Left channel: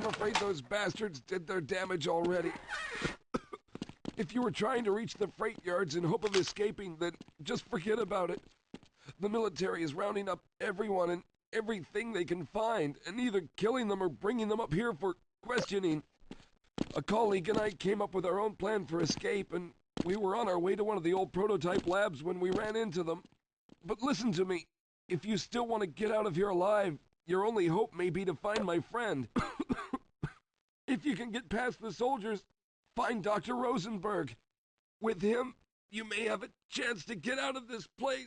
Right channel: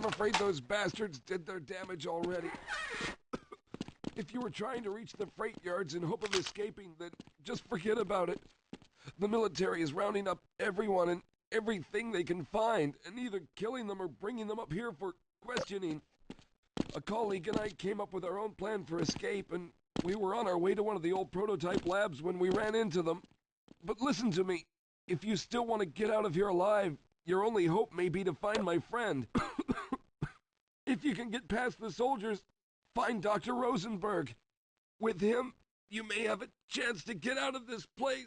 I'm afraid those bastards did their damage already. If you were trying to reach the freight yards in hope of escaping, then just forget about it. The military is rounding up everyone and everything they can find, and either killing them or bringing them up here for questioning. A colleague and I came up with our own plan for escape, and we were on our way to one of the old prototype labs when we ran into them. But listen to me. If you still want to get out of here alive, your only hope may be to find my friend. If you can get past the soldiers, find Dr. Rosenberg. With him, you may have a chance to get out of this place.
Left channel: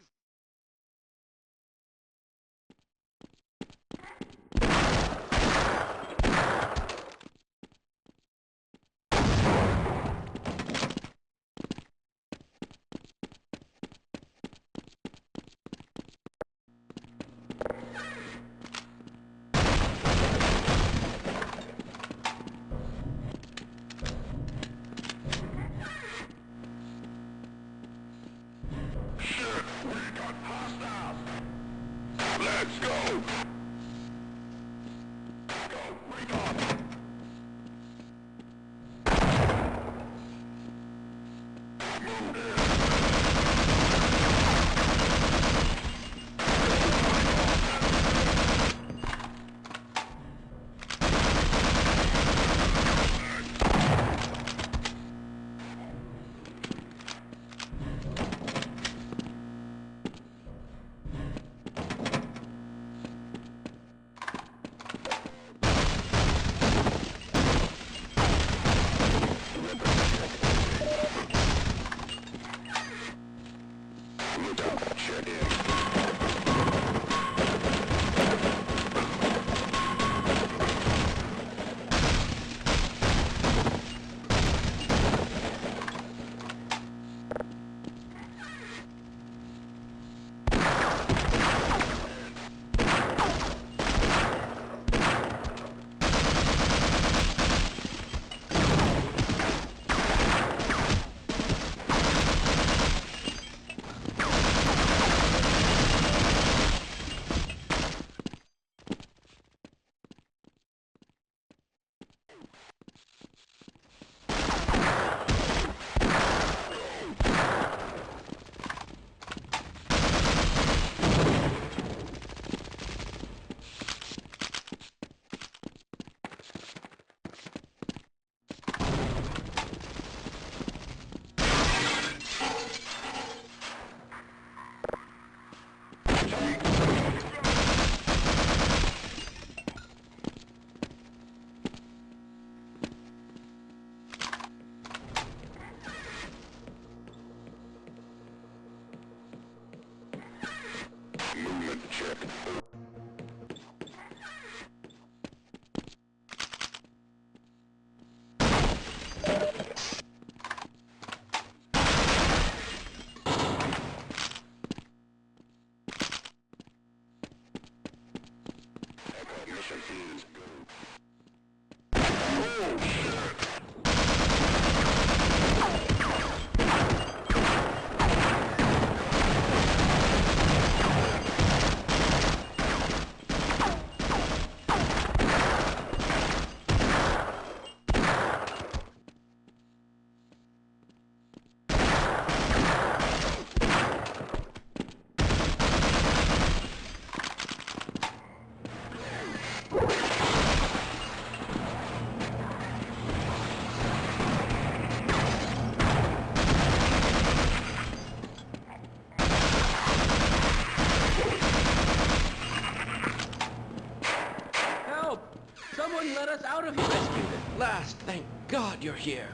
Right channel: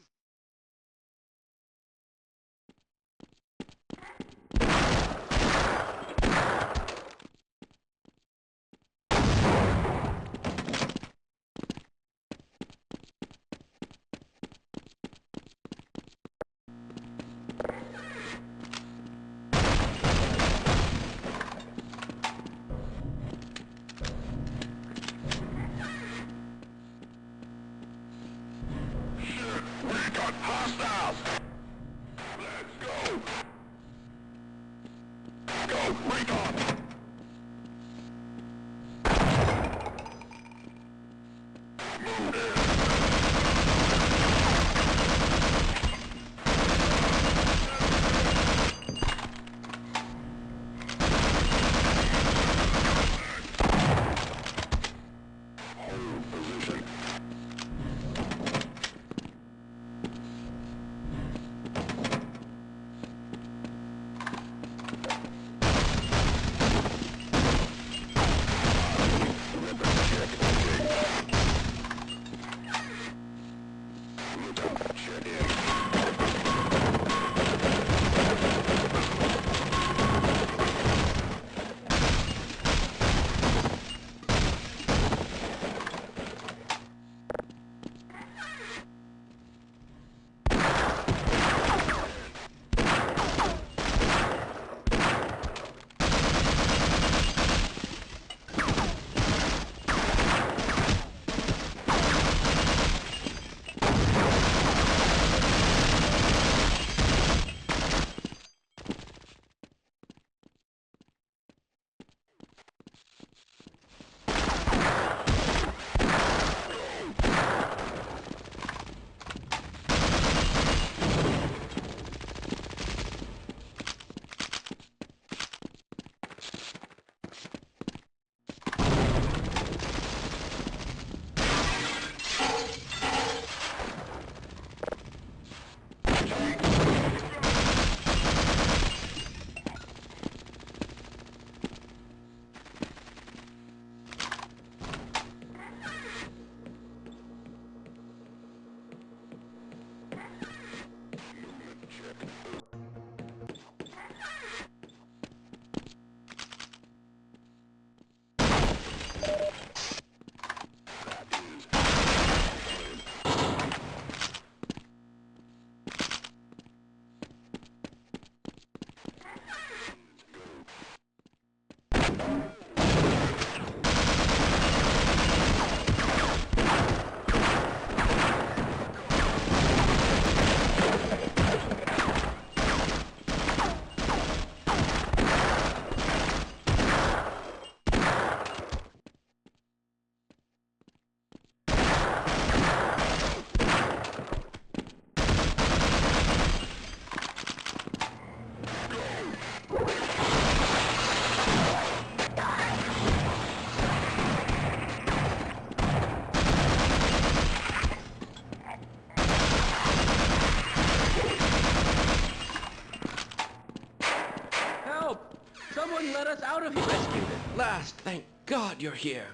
Thank God you're here.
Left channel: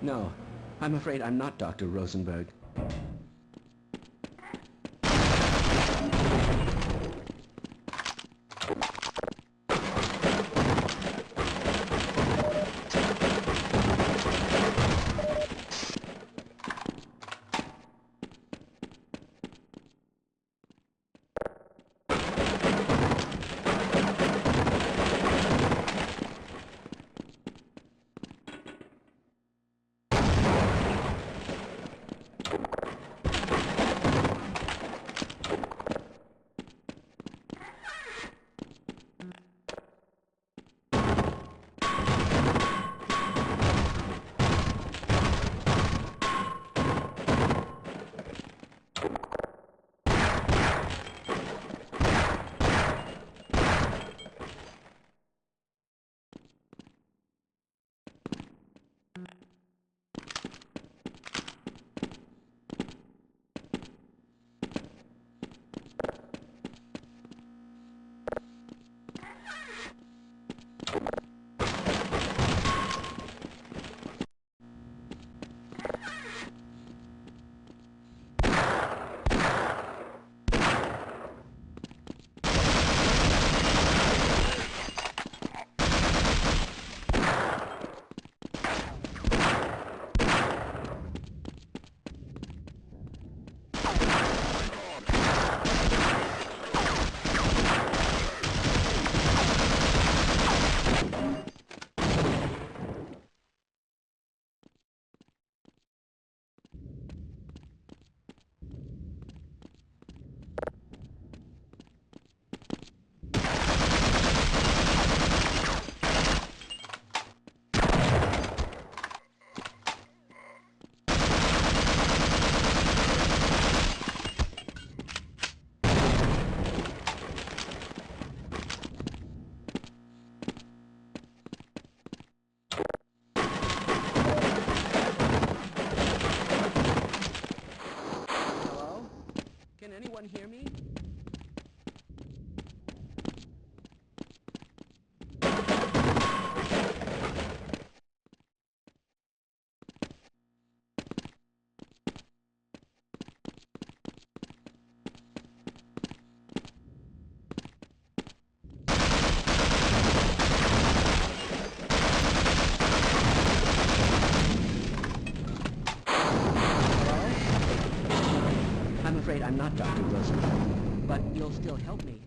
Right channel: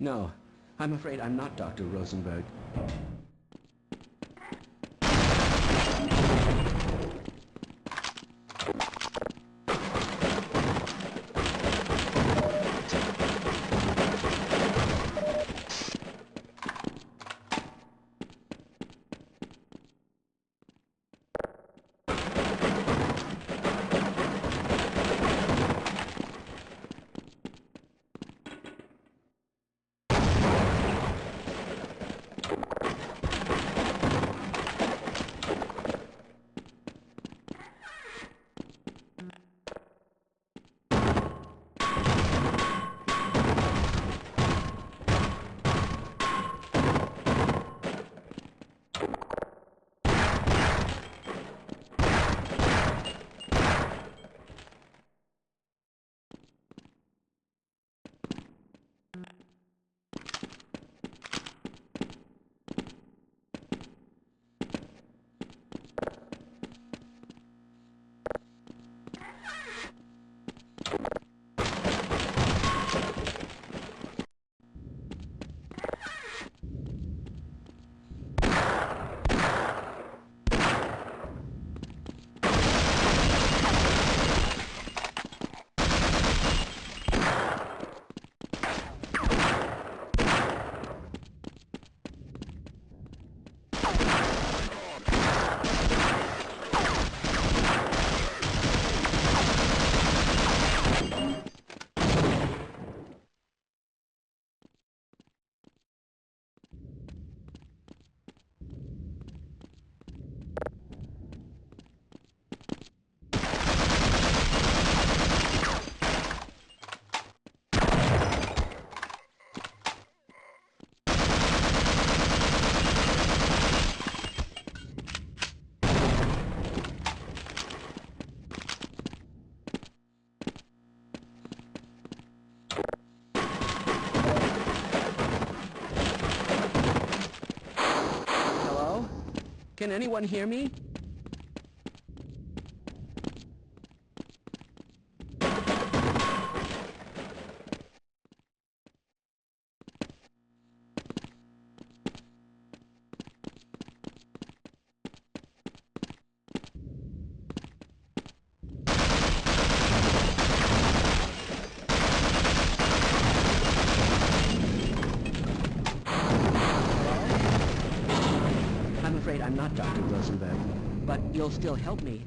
No, I'm afraid I'm not Dr. Rosenberg. Can anyone hear me? I'm afraid I'm not Dr. Rosenberg, but you'll still help me.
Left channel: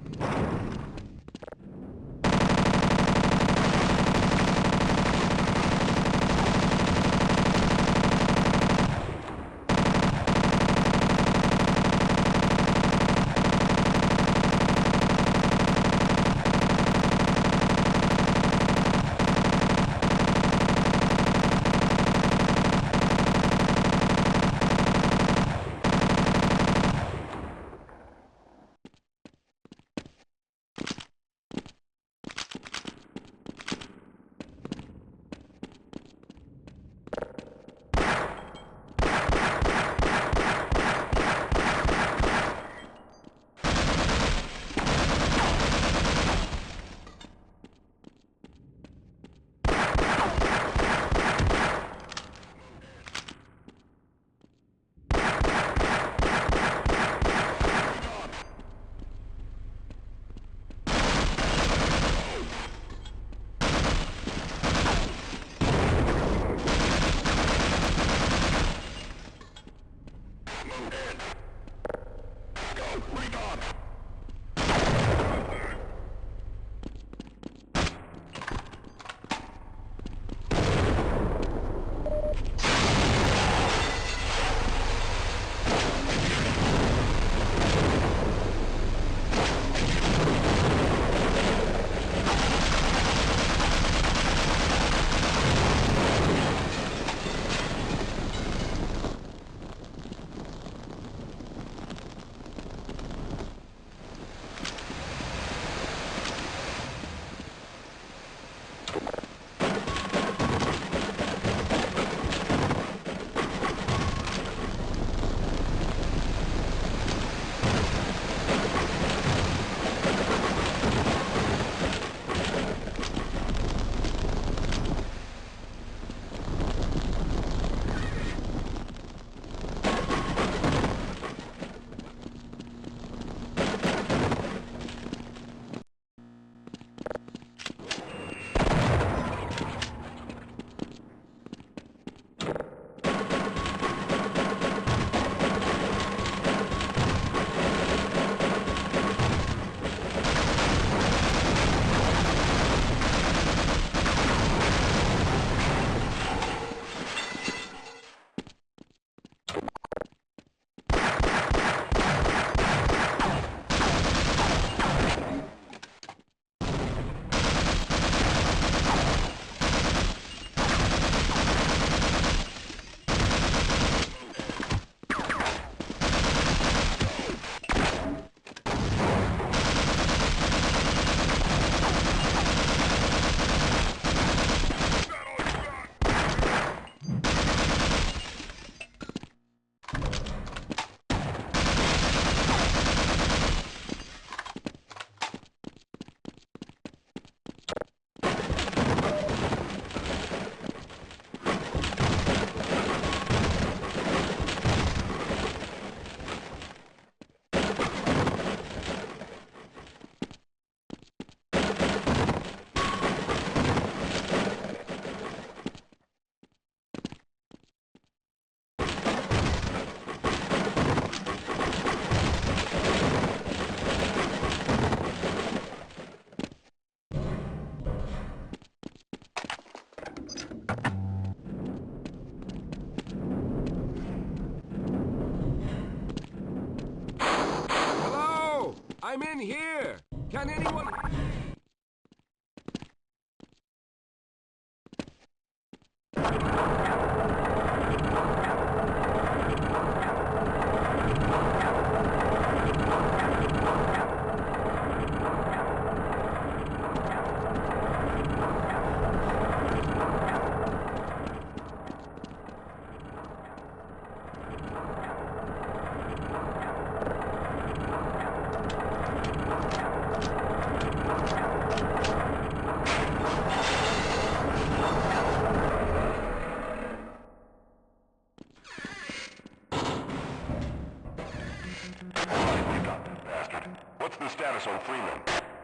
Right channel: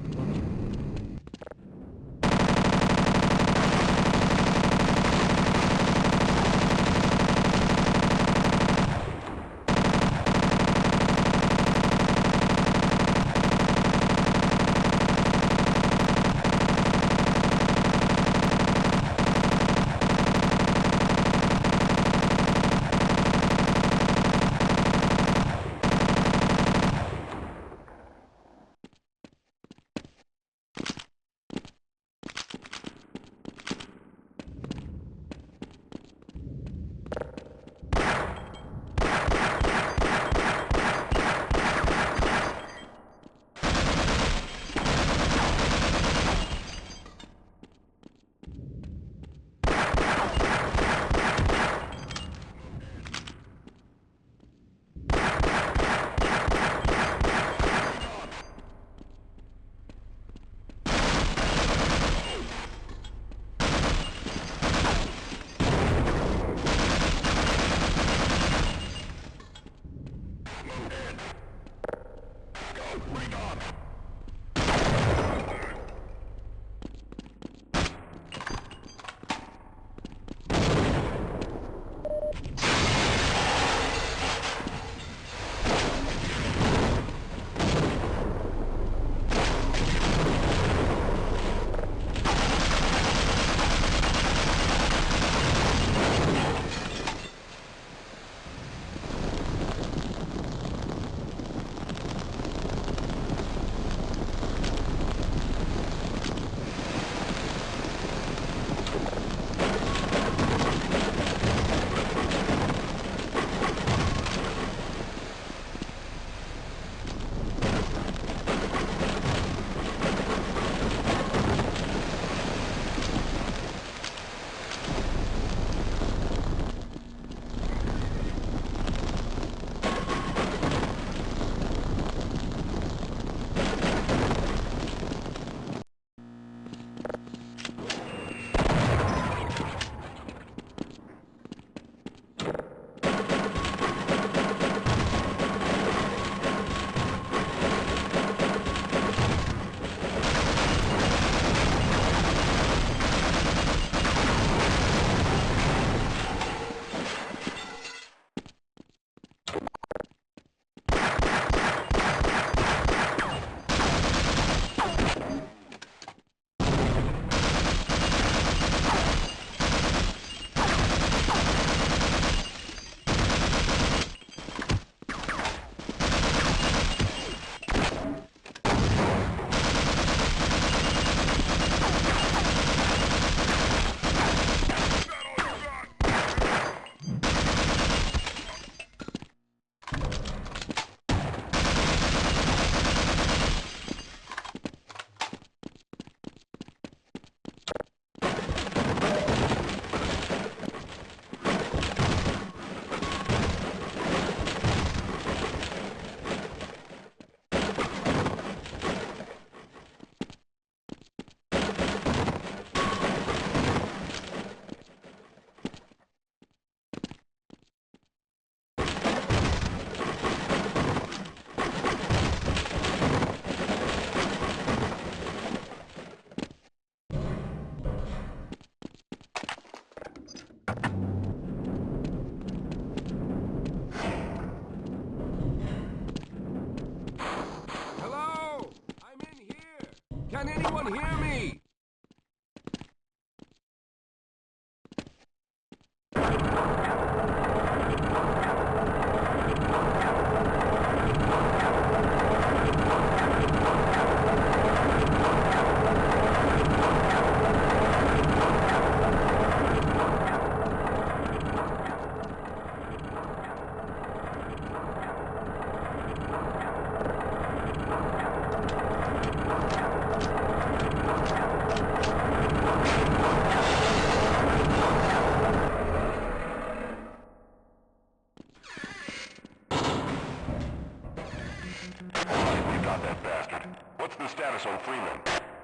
I'm in here! Can anyone hear me?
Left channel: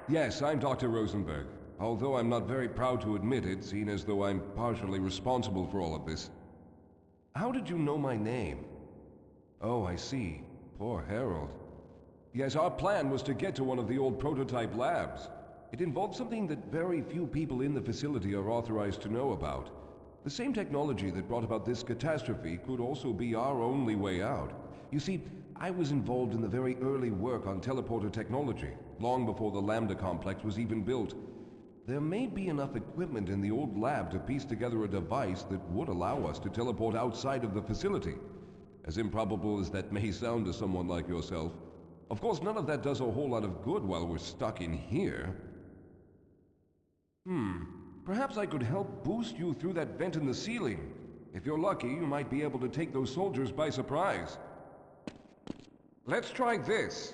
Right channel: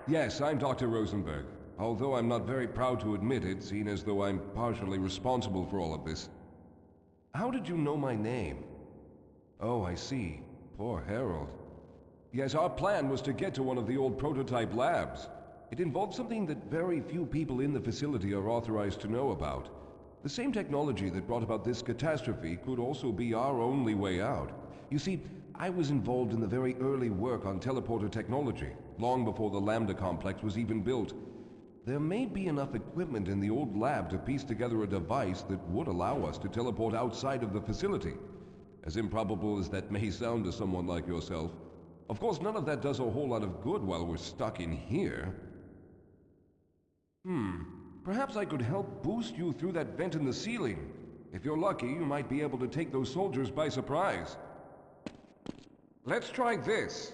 Yes, I'm Dr. Rosenberg. Although I'm not very proud to admit it, seeing as though I'm partially responsible for all of this. How did you know my name? Oh, I see. Poor Harold. Yes, our plan was to get to one of the old prototype labs. It involved something that very few people in the facility are authorized to know about. The same technology that brought about this catastrophe could also be our only way out. You see, I was involved in the very early work on teleporter technology, long before the Lambda complex was even built. There may be enough equipment in the old lab to piece together a device that would allow us to teleport outside of the facility. As improbable as that may sound to someone like yourself. Of course, none of that does a whole lot of good while we're stuck in here. Perhaps I could help boost you through that vent in the ceiling. If you're lucky, you might be able to take those soldiers by surprise. Let's try this.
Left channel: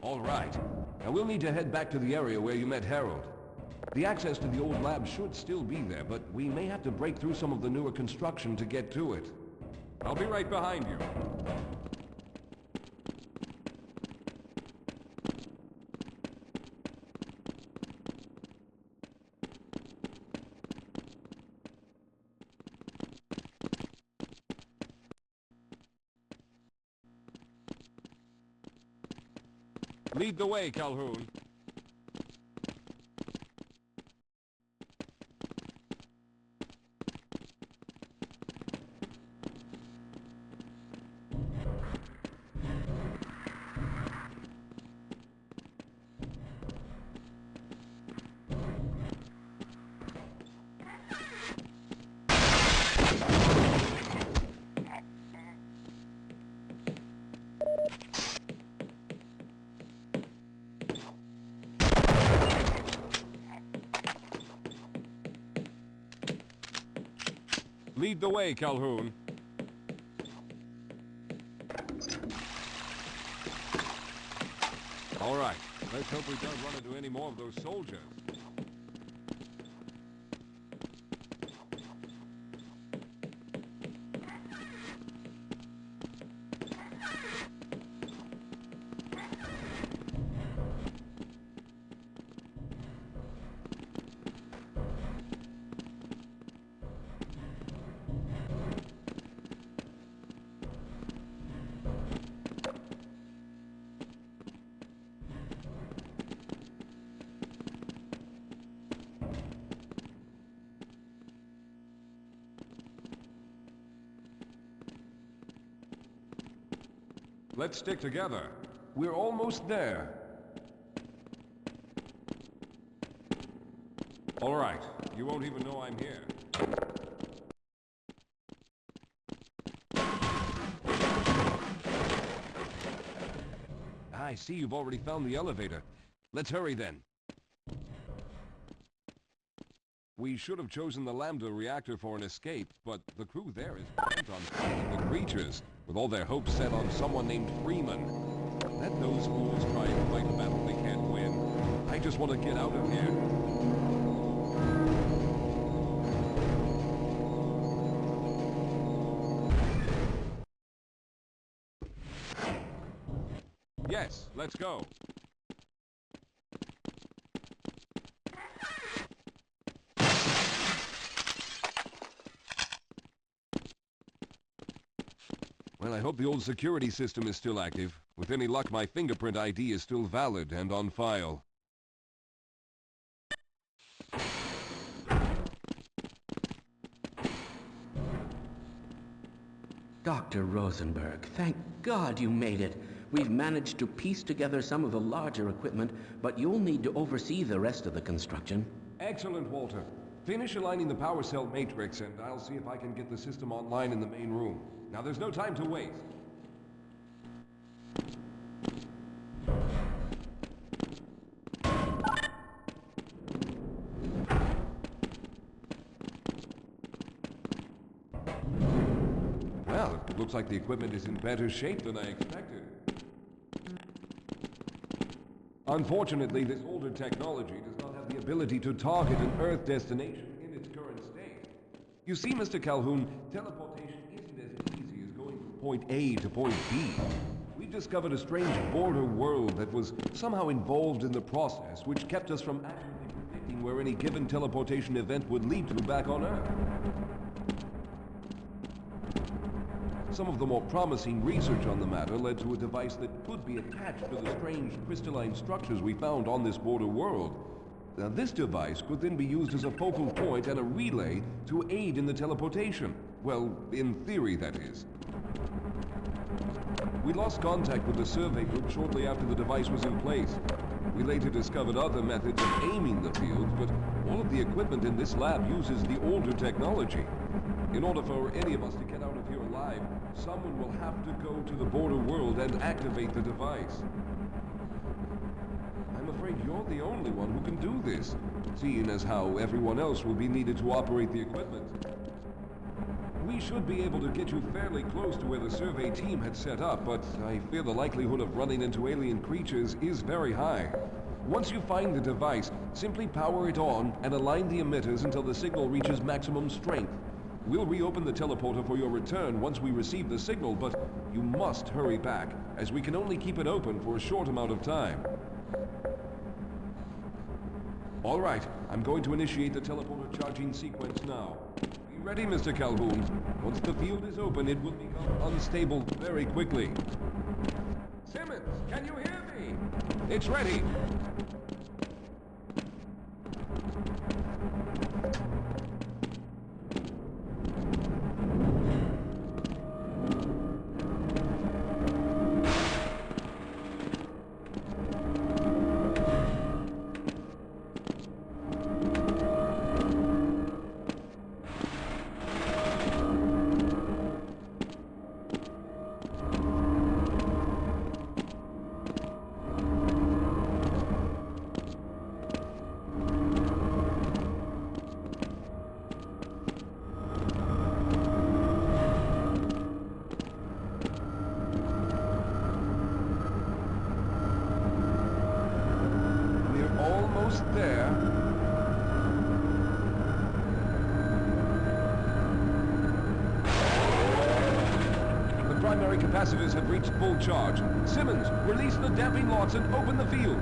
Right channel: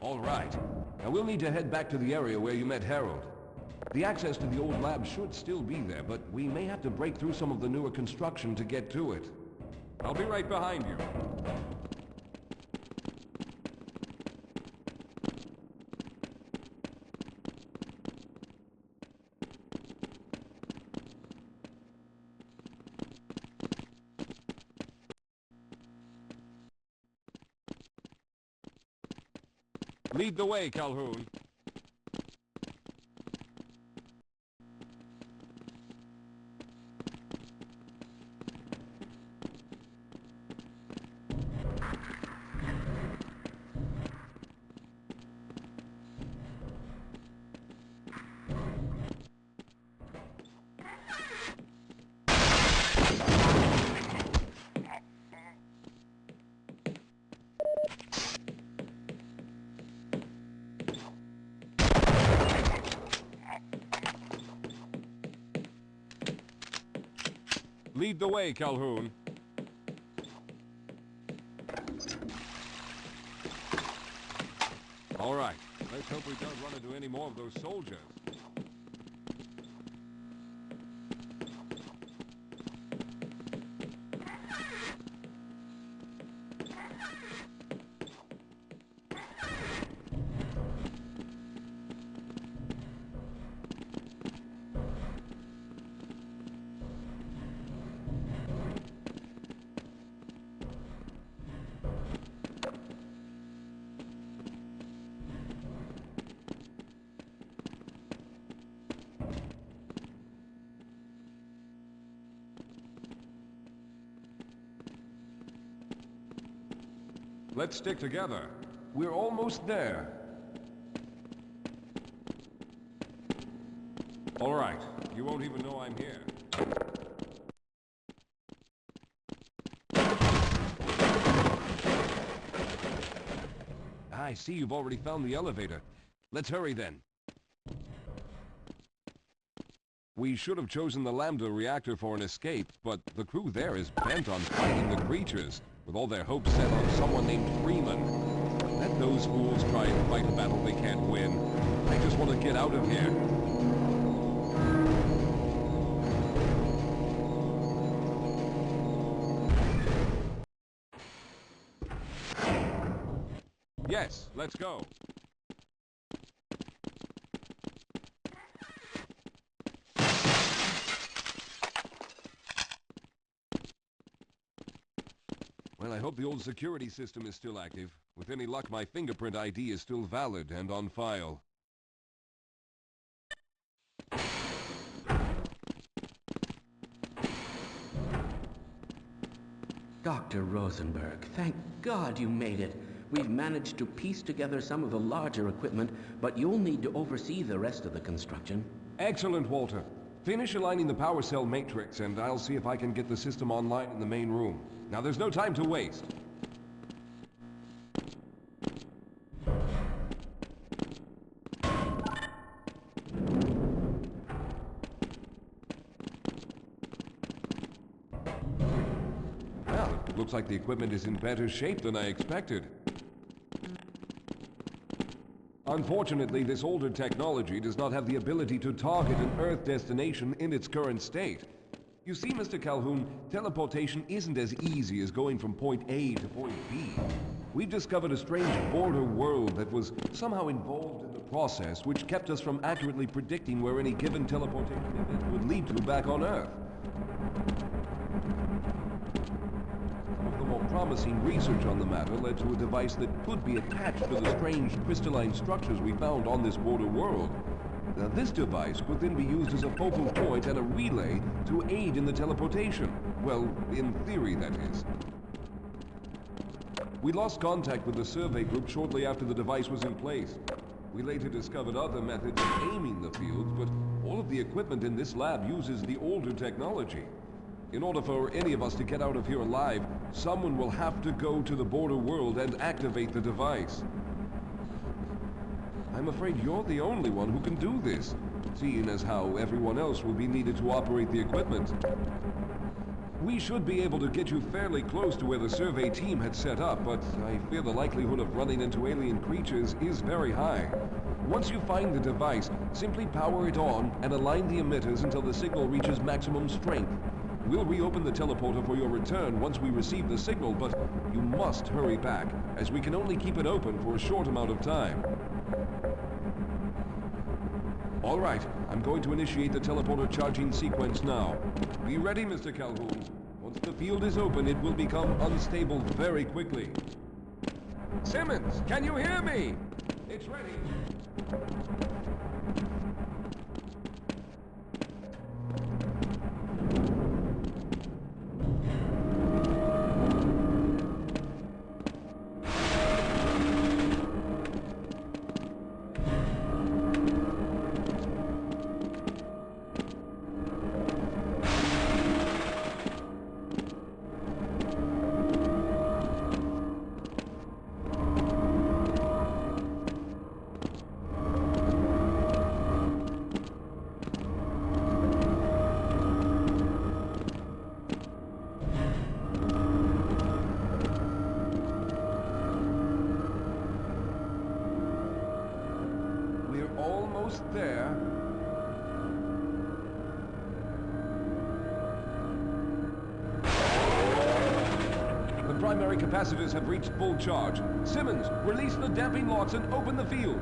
All right. Now we'll need to head back to the area where you met Harold. The access to the old lab should still be there, but we may have to break through some of the newer construction to get to it. I'll be right behind you. Lead the way, Calhoun. Lead the way, Calhoun. All right. Let's hope we don't run into any more of those soldiers. Let's stick together. We're almost there. All right. You won't even know I'm here. I see you've already found the elevator. Let's hurry then. We should have chosen the Lambda reactor for an escape, but the crew there is bent on fighting the creatures, with all their hopes set on someone named Freeman. Let those fools try and fight a battle they can't win. I just want to get out of here. Yes, let's go. Well, I hope the old security system is still active. With any luck, my fingerprint ID is still valid and on file. Dr. Rosenberg, thank God you made it. We've managed to piece together some of the larger equipment, but you'll need to oversee the rest of the construction. Excellent, Walter. Finish aligning the power cell matrix, and I'll see if I can get the system online in the main room. Now, there's no time to waste. Well, it looks like the equipment is in better shape than I expected. Unfortunately, this older technology does not have the ability to target an Earth destination in its current state. You see, Mr. Calhoun, teleportation isn't as easy as going from point A to point B. We've discovered a strange border world that was somehow involved in the process, which kept us from accurately predicting where any given teleportation event would lead to back on Earth. Some of the more promising research on the matter led to a device that could be attached to the strange crystalline structures we found on this border world. Now, this device could then be used as a focal point and a relay to aid in the teleportation. Well, in theory, that is. We lost contact with the survey group shortly after the device was in place. We later discovered other methods of aiming the field, but all of the equipment in this lab uses the older technology. In order for any of us to get out of here alive, someone will have to go to the border world and activate the device. I'm afraid you're the only one who can do this, seeing as how everyone else will be needed to operate the equipment. We should be able to get you fairly close to where the survey team had set up, but I fear the likelihood of running into alien creatures is very high. Once you find the device, simply power it on and align the emitters until the signal reaches maximum strength. We'll reopen the teleporter for your return once we receive the signal, but you must hurry back, as we can only keep it open for a short amount of time. All right, I'm going to initiate the teleporter charging sequence now. Be ready, Mr. Calhoun. Once the field is open, it will become unstable very quickly. Simmons, can you hear me? It's ready. There. The primary capacitors have reached full charge. Simmons, release the damping locks and open the field.